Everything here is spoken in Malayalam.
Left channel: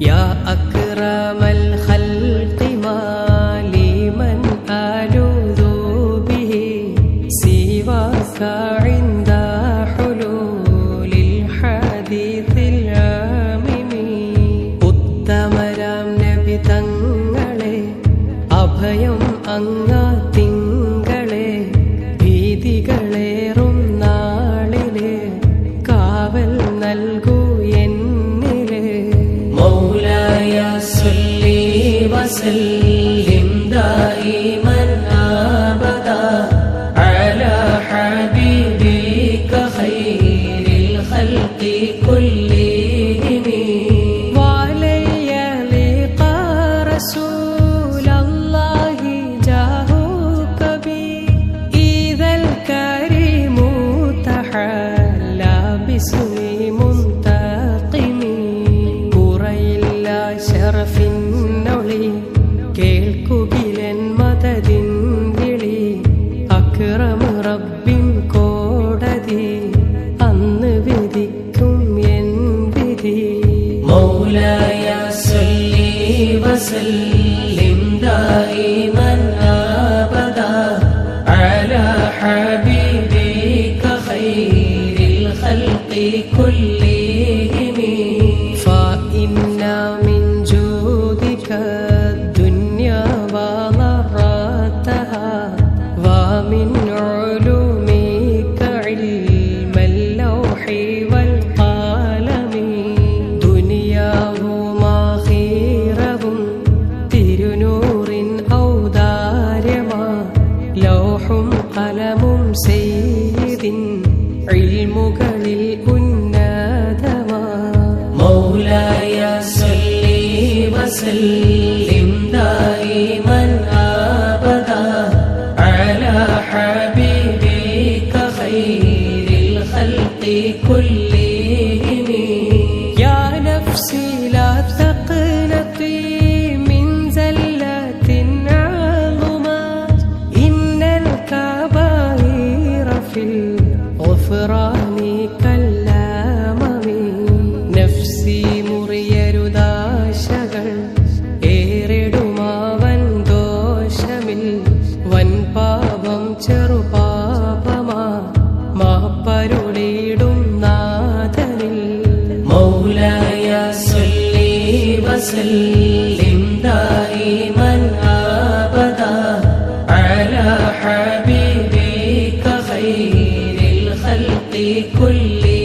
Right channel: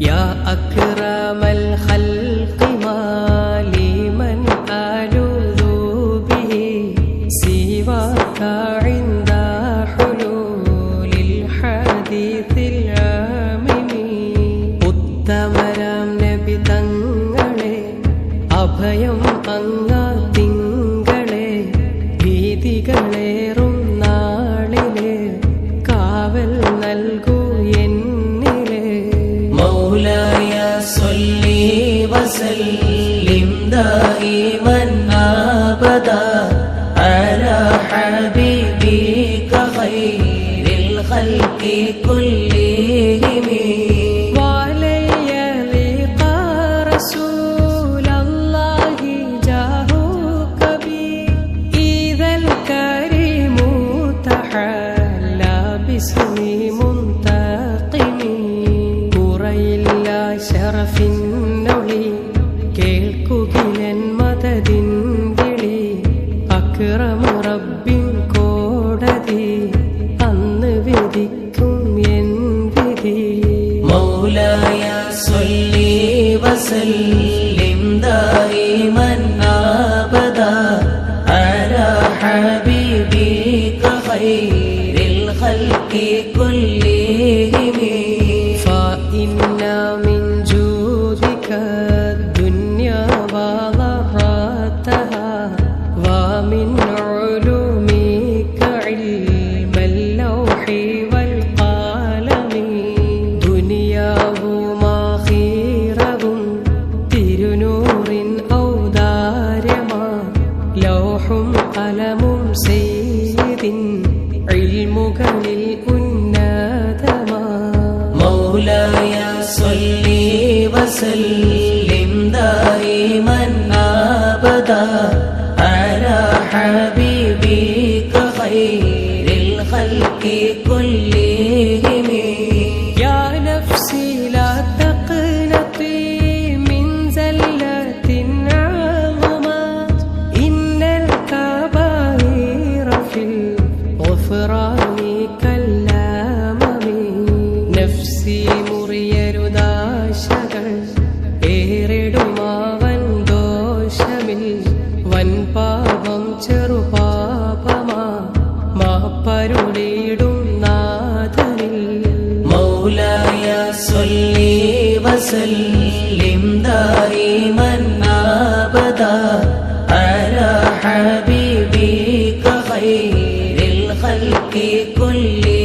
يا أكرم الخلق ما لي من ألوذ به سواك عند حلول الحديث العامم ഉത്തമരാം നബി തങ്ങളെ അഭയം അങ്ങാ തിങ്കളെ ഭീതികളേറും നാളിലെ കാവൽ നൽകൂ دائما أبدا على حبيبك خير الخلق كلهم. وعلي لقى رسول الله جاه كبير إذا الكريم تحلى باسم منتقم. بري الله شرف النولي കേൾക്കുകിലൻ മതതിൻ വിളി അക്രമറബിൻ കോടതി അന്ന് വിധിക്കും എൻ വിധി. മൗലായ സൊല്ലി വസല്ലിം ദായിമൻ ആബദ അല ഹബീബിക ഖൈരിൽ ഖൽഖി കുല്ലി. روح قلم سيد علمك للكنا دما مولاي صلي وسلم دائما أبدا على حبيبك خير الخلق كلهم. يا نفسي لا تقنطي في الغفران كالأمم നഫ്സി മുറിയരുദാശകൾ ഏറിടുമാവൻ ദോഷമിൽ വൻ പാപം ചെറുപാപമാ മാപ്പരുളിടും നാഥനിൽ مولاي صل وسلم بكل